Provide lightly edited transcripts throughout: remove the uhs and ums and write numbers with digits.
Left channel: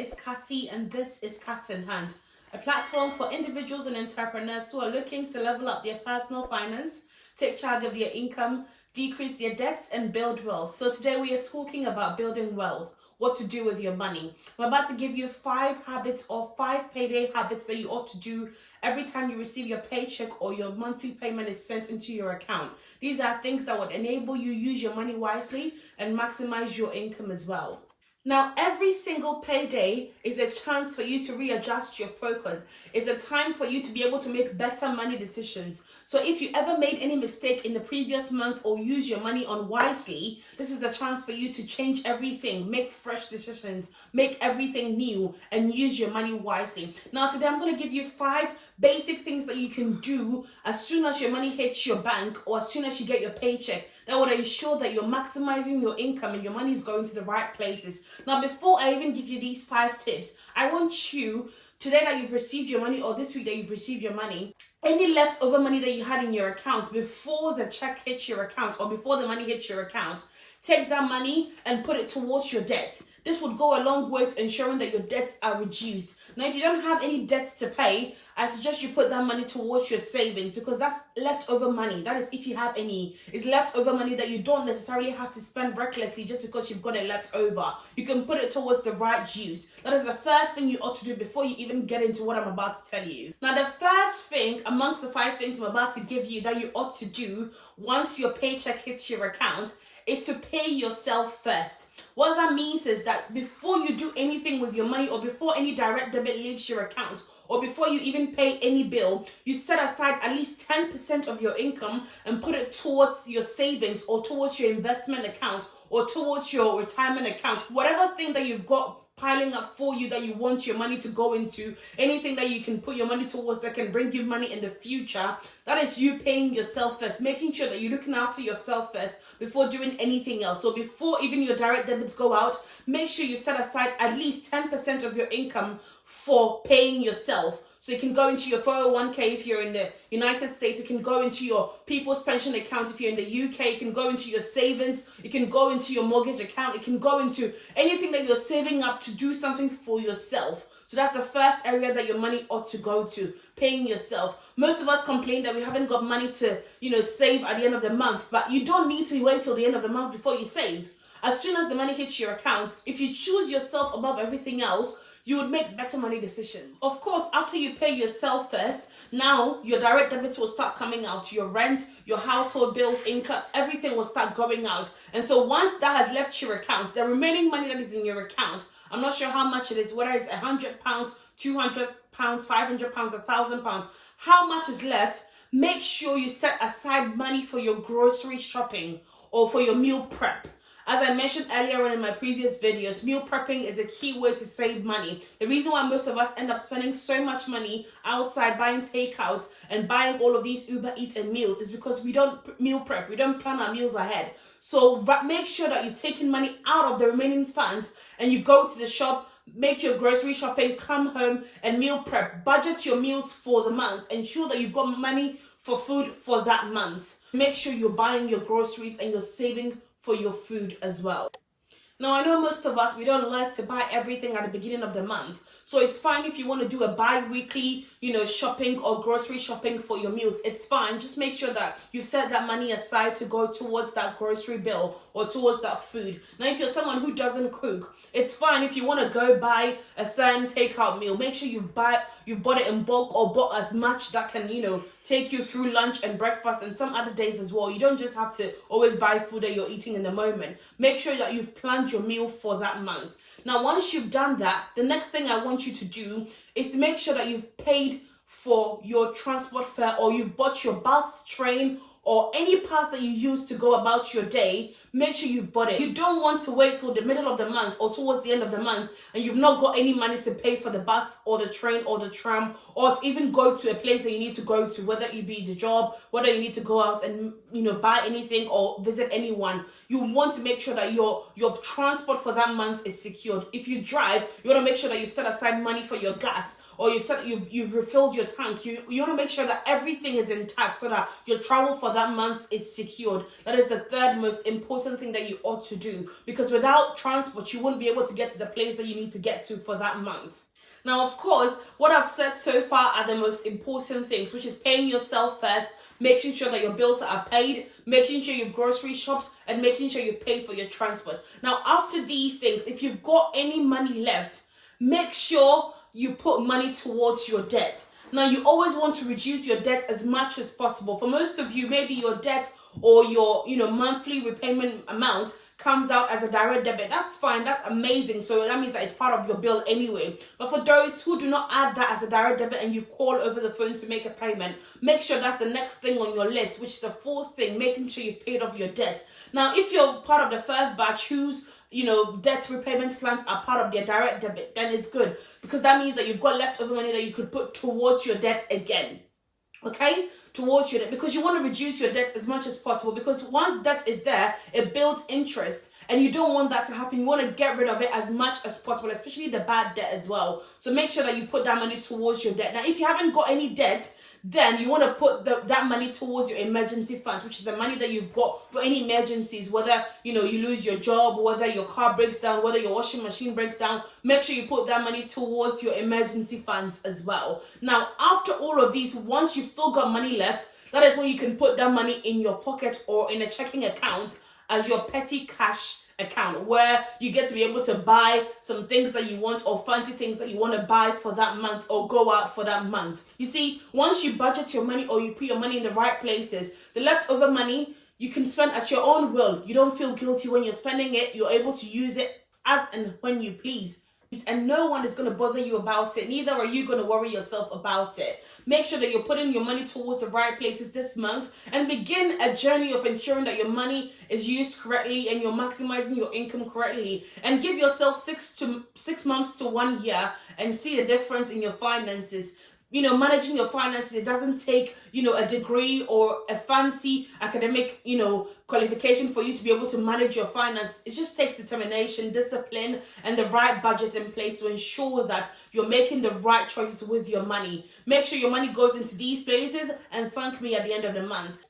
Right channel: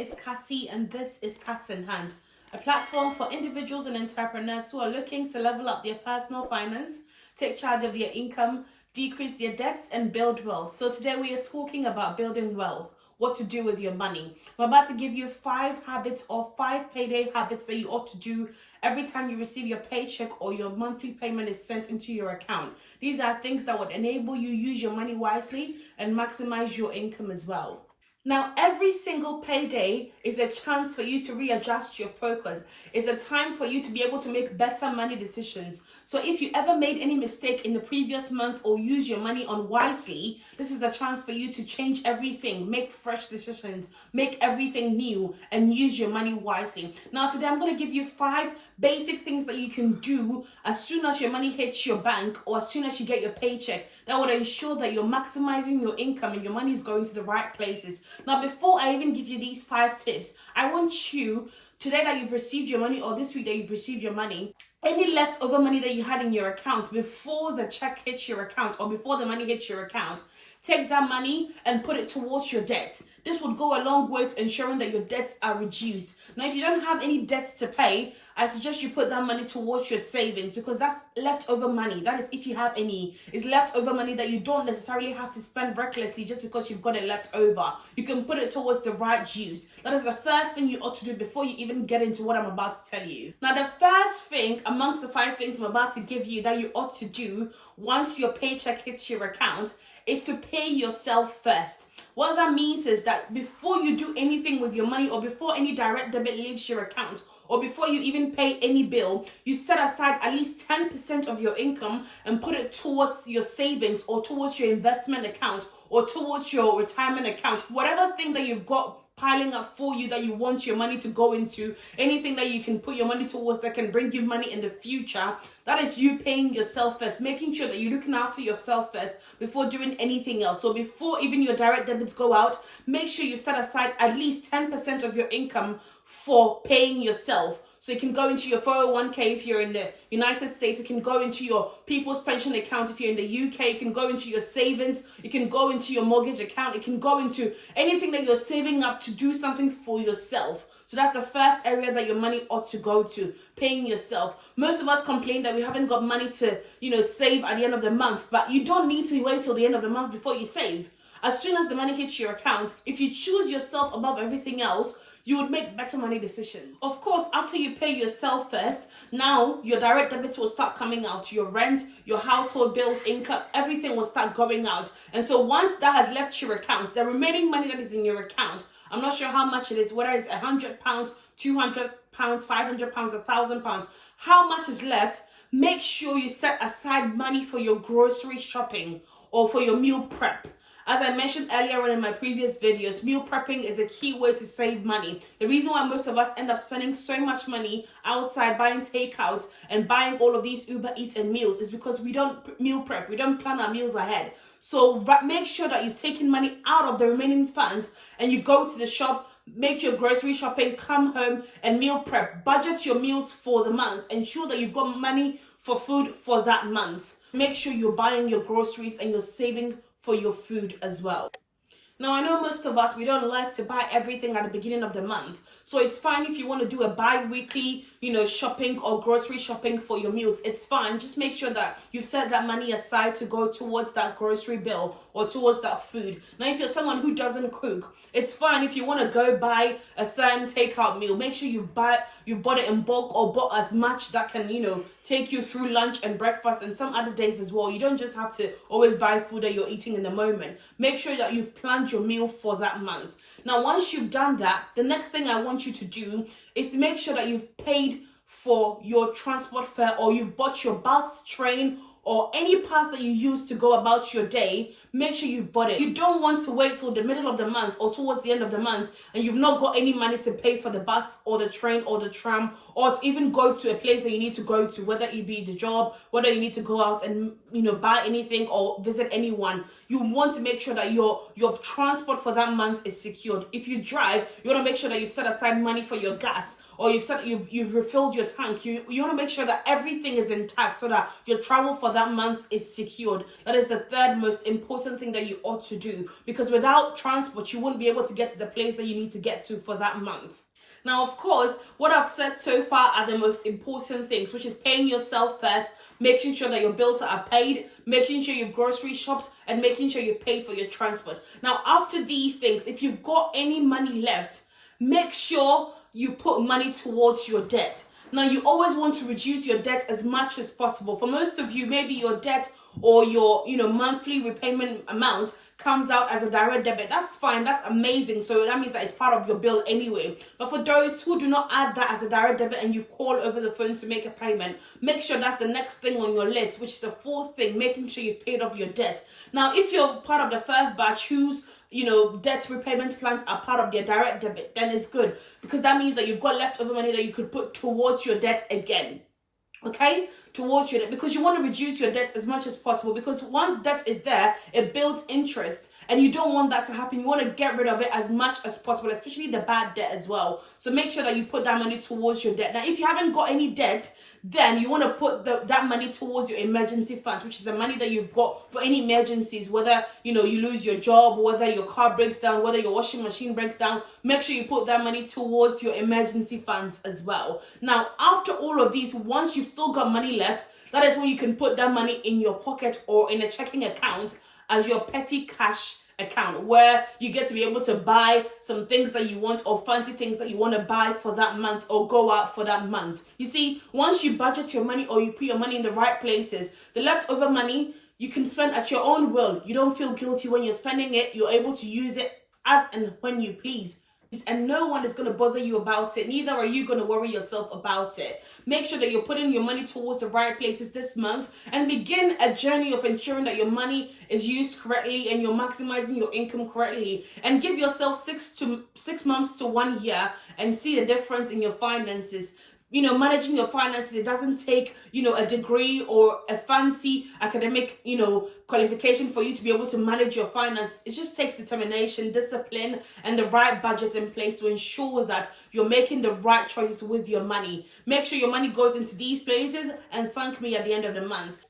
is Cassie and this is Cash in Hand, a platform for individuals and entrepreneurs who are looking to level up their personal finance, take charge of their income, decrease their debts and build wealth. So today we are talking about building wealth, what to do with your money. I'm about to give you 5 habits or 5 payday habits that you ought to do every time you receive your paycheck or your monthly payment is sent into your account. These are things that would enable you use your money wisely and maximize your income as well. Now, every single payday is a chance for you to readjust your focus. It's a time for you to be able to make better money decisions. So if you ever made any mistake in the previous month or use your money unwisely, this is the chance for you to change everything, make fresh decisions, make everything new, and use your money wisely. Now, today I'm going to give you 5 basic things that you can do as soon as your money hits your bank or as soon as you get your paycheck that would ensure that you're maximizing your income and your money is going to the right places. Now, before I even give you these 5 tips, I want you, today that you've received your money or this week that you've received your money, any leftover money that you had in your account before the check hits your account or before the money hits your account, take that money and put it towards your debt. This would go a long way to ensuring that your debts are reduced. Now, if you don't have any debts to pay, I suggest you put that money towards your savings because that's leftover money. That is, if you have any, it's leftover money that you don't necessarily have to spend recklessly just because you've got it left over. You can put it towards the right use. That is the first thing you ought to do before you even get into what I'm about to tell you. Now, the first thing amongst the 5 things I'm about to give you that you ought to do once your paycheck hits your account is to pay yourself first. What that means is that before you do anything with your money or before any direct debit leaves your account or before you even pay any bill, you set aside at least 10% of your income and put it towards your savings or towards your investment account or towards your retirement account. Whatever thing that you've got piling up for you that you want your money to go into, anything that you can put your money towards that can bring you money in the future, that is you paying yourself first, making sure that you're looking after yourself first before doing anything else. So before even your direct debits go out, make sure you've set aside at least 10% of your income for paying yourself. So it can go into your 401k if you're in the United States. It can go into your people's pension account if you're in the UK. It can go into your savings. It can go into your mortgage account. It can go into anything that you're saving up to do something for yourself. So that's the first area that your money ought to go to, paying yourself. Most of us complain that we haven't got money to, save at the end of the month. But you don't need to wait till the end of the month before you save. As soon as the money hits your account, if you choose yourself above everything else, you would make better money decisions. Of course, after you pay yourself first, now your direct debits will start coming out. Your rent, your household bills, income, everything will start going out. And so once that has left your account, the remaining money that is in your account, I'm not sure how much it is, whether it's £100, £200, £500, £1,000, how much is left, make sure you set aside money for your grocery shopping or for your meal prep. As I mentioned earlier on in my previous videos, meal prepping is a key way to save money. The reason why most of us end up spending so much money outside buying takeouts and buying all of these Uber Eats and meals is because we don't meal prep. We don't plan our meals ahead. So make sure that you've taken money out of the remaining funds and you go to the shop, make your grocery shopping, come home and meal prep. Budget your meals for the month. Ensure that you've got money for food for that month. Make sure you're buying your groceries and you're saving for your food as well. Now, I know most of us, we don't like to buy everything at the beginning of the month. So it's fine if you want to do a bi-weekly, shopping or grocery shopping for your meals. It's fine. Just make sure that you've set that money aside to go towards that grocery bill or towards that food. Now, if you're someone who doesn't cook, it's fine if you want to go buy a certain takeout meal. Make sure you've bought it in bulk or bought as much that can, take you through lunch and breakfast and some other days as well. You don't just have to always buy food that you're eating in the moment. Make sure that you've planned your meal for that month. Now, once you've done that, the next thing I want you to do is to make sure that you've paid for your transport fare or you've bought your bus, train, or any pass that you use to go about your day. Make sure you've bought it. You don't want to wait till the middle of the month or towards the end of the month and you've not got any money to pay for the bus or the train or the tram or to even go to a place that you need to go to, whether it be the job, whether you need to go out and buy anything or visit anyone. You want to make sure that your transport for that month is secured. If you drive, you want to make sure that you've set aside money for your gas or you've refilled your tank. You want to make sure that everything is intact so that your travel for for that month is secured. That is the third most important thing that you ought to do, because without transport, you won't be able to get to the place that you need to get to for that month. Now, of course, what I've said so far are the most important things, which is paying yourself first, making sure that your bills are paid, making sure you've grocery shopped, and making sure you pay for your transport. Now, after these things, if you've got any money left, make sure you put money towards your debt. Now, you always want to reduce your debt as much as possible. For most of you, maybe your debt or your monthly repayment amount comes out as a direct debit. That's fine, that's amazing. So that means that it's part of your bill anyway. But for those who do not add that as a direct debit and you call over the phone to make a payment, make sure that's the next thing on your list, which is the fourth thing, making sure you paid off your debt. Now, if you're part of the first batch whose debt repayment plans are part of their direct debit, then it's good, because that means that you've got leftover money that you could put towards your debt again. Okay, towards your debt, because you want to reduce your debt as much as possible, because once debt is there, it builds interest, and you don't want that to happen. You want to get rid of it as much as possible, especially the bad debt as well. So make sure that you put that money towards your debt. Now, if you haven't got any debt, then you want to put that money towards your emergency funds, which is the money that you've got for any emergencies, whether you lose your job, whether your car breaks down, whether your washing machine breaks down. Make sure you put that money towards your emergency funds as well. Now, after all of these, once you've still got money left, that is when you can put that money in your pocket or in a checking account as your petty cash account, where you get to be able to buy some things that you want, or fancy things that you want to buy for that month or go out for that month. You see, once you budget your money or you put your money in the right places, the leftover money you can spend at your own will. You don't feel guilty when you're spending it. You're able to use it as and when you please. And no one is going to bother you about it. Neither are you going to worry yourself about it. Make sure that you're putting your money towards the right places this month, and begin a journey of ensuring that your money is used correctly and you're maximizing your income correctly. And give yourself 6 months to 1 year and see the difference in your finances. Managing your finances, it doesn't take, a degree or a fancy academic, qualification for you to be able to manage your finances. It just takes determination, discipline, and the right budget in place to ensure that you're making the right choices with your money. Make sure your money goes into these places, and thank me at the end of the month.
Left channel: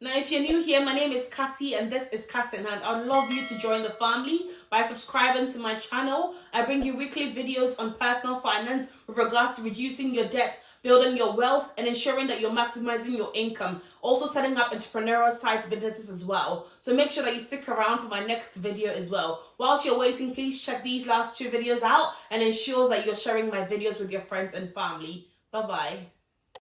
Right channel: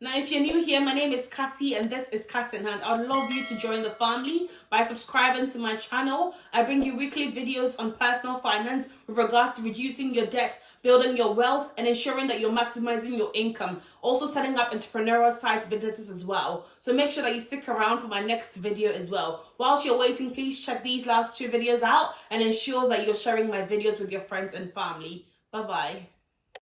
Now, if you're new here, my name is Cassie and this is Cass in Hand. I'd love you to join the family by subscribing to my channel. I bring you weekly videos on personal finance with regards to reducing your debt, building your wealth, and ensuring that you're maximizing your income. Also setting up entrepreneurial side businesses as well. So make sure that you stick around for my next video as well. Whilst you're waiting, please check these last 2 videos out and ensure that you're sharing my videos with your friends and family. Bye-bye.